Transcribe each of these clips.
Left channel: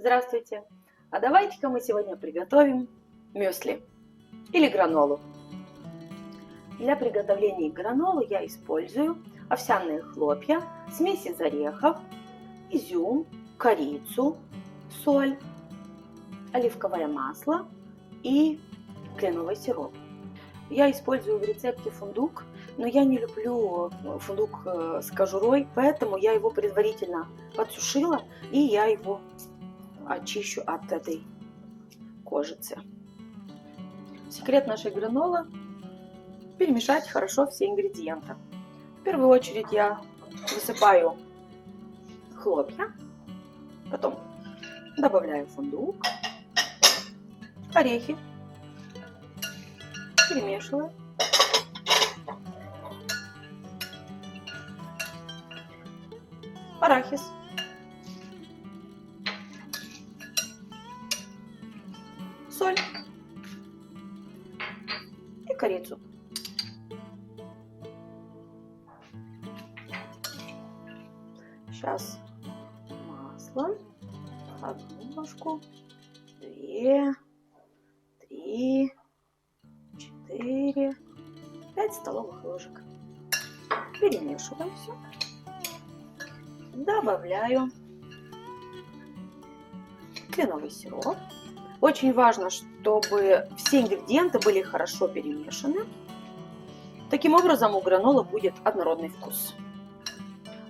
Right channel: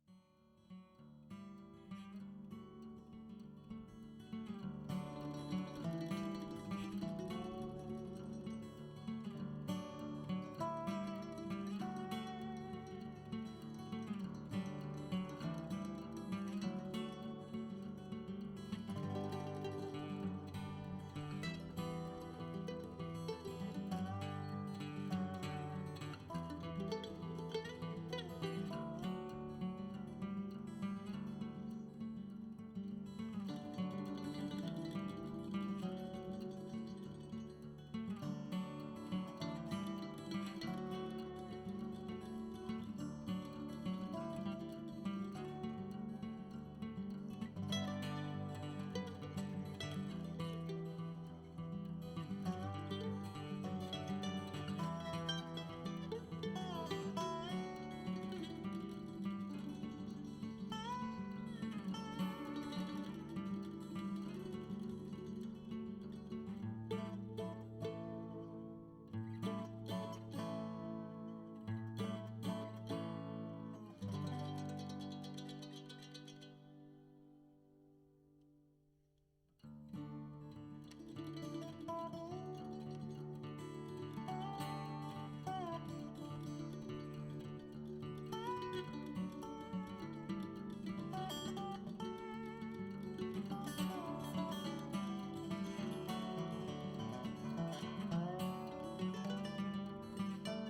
Здравствуйте! А давайте-ка мы сегодня приготовим мюсли или гранолу. Для приготовления гранолы я использую овсяные хлопья, смесь из орехов, изюм, корицу, соль, оливковое масло и кленовый сироп. Я использую в рецепте фундук, но я не люблю фундук с кожурой, поэтому я его предварительно подсушила и я его очищу от этой кожицы. Секрет нашей гранолы – перемешать хорошо все ингредиенты. В первую очередь я высыпаю хлопья, потом добавляю фундук, орехи, перемешиваю. Арахис. Соль и корицу. Сейчас масло, одну ложку, 2, 3, 4, 5 столовых ложек. Перемешиваю все. Добавляю кленовый сироп. Очень важно, чтобы все ингредиенты были хорошо перемешаны. Таким образом у гранолы будет однородный вкус.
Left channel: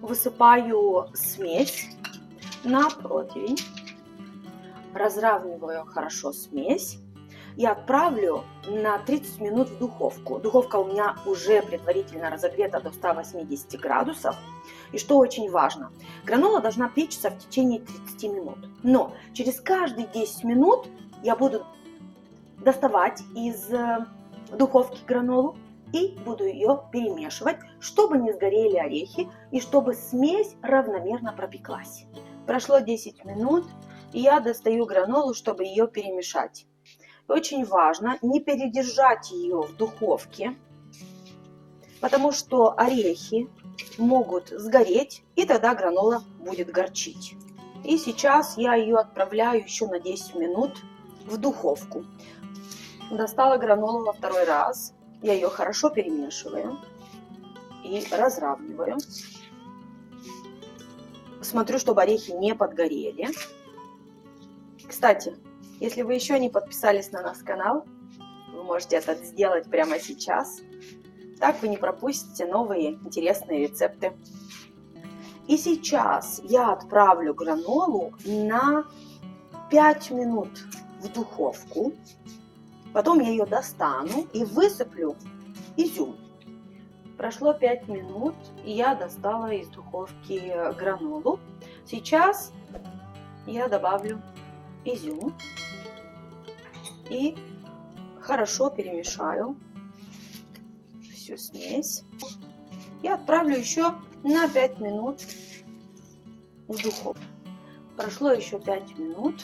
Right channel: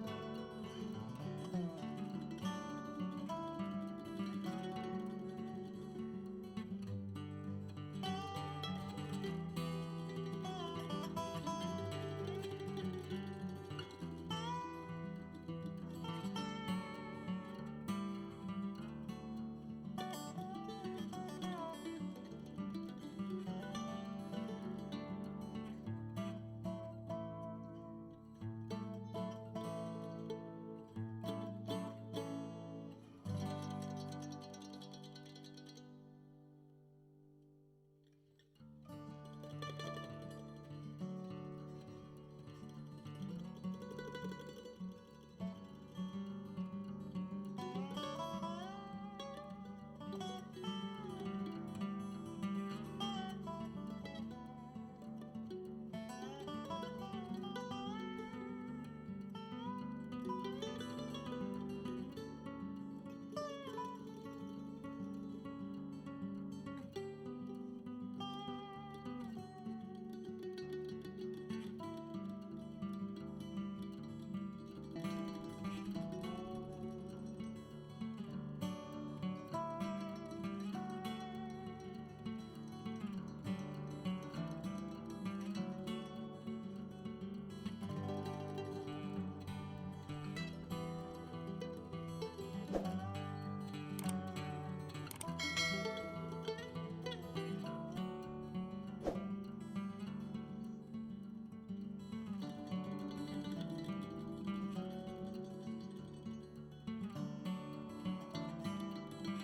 Высыпаю смесь на противень, разравниваю хорошо смесь и отправлю на 30 минут в духовку. Духовка у меня уже предварительно разогрета до 180 градусов. И что очень важно, гранола должна печься в течение 30 минут. Но через каждые 10 минут я буду доставать из духовки гранолу и буду ее перемешивать, чтобы не сгорели орехи и чтобы смесь равномерно пропеклась. Прошло 10 минут, и я достаю гранолу, чтобы ее перемешать. Очень важно не передержать ее в духовке, потому что орехи могут сгореть, и тогда гранола будет горчить. И сейчас я ее отправляю еще на 10 минут в духовку. Достала гранолу во второй раз. Я ее хорошо перемешиваю и разравниваю. Смотрю, чтобы орехи не подгорели. Кстати, если вы еще не подписались на наш канал, вы можете это сделать прямо сейчас. Так вы не пропустите новые интересные рецепты. И сейчас я отправлю гранолу на 5 минут в духовку. Потом я ее достану и высыплю изюм. Прошло 5 минут, и я достала из духовки гранолу. Сейчас я добавлю изюм и хорошо перемешаю всю смесь. И отправлю еще на 5 минут в духовку. Прошло еще 5 минут.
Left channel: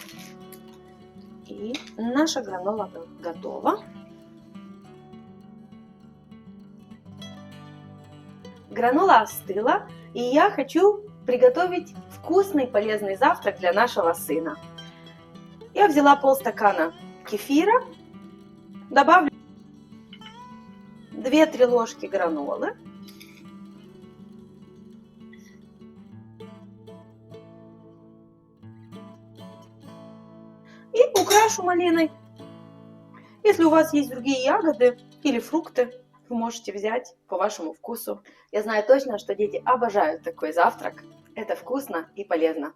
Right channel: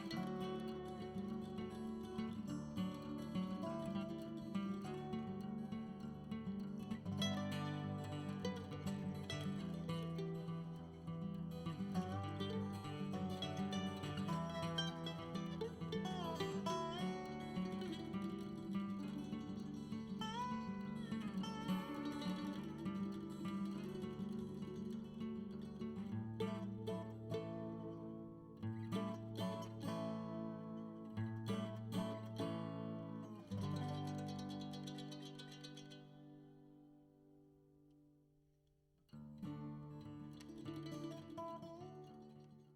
И наша гранола готова. Гранола остыла, и я хочу приготовить вкусный полезный завтрак для нашего сына. Я взяла полстакана кефира, добавлю 2-3 ложки гранолы. И украшу малиной. Если у вас есть другие ягоды или фрукты, вы можете взять по вашему вкусу. Я знаю точно, что дети обожают такой завтрак. Это вкусно и полезно.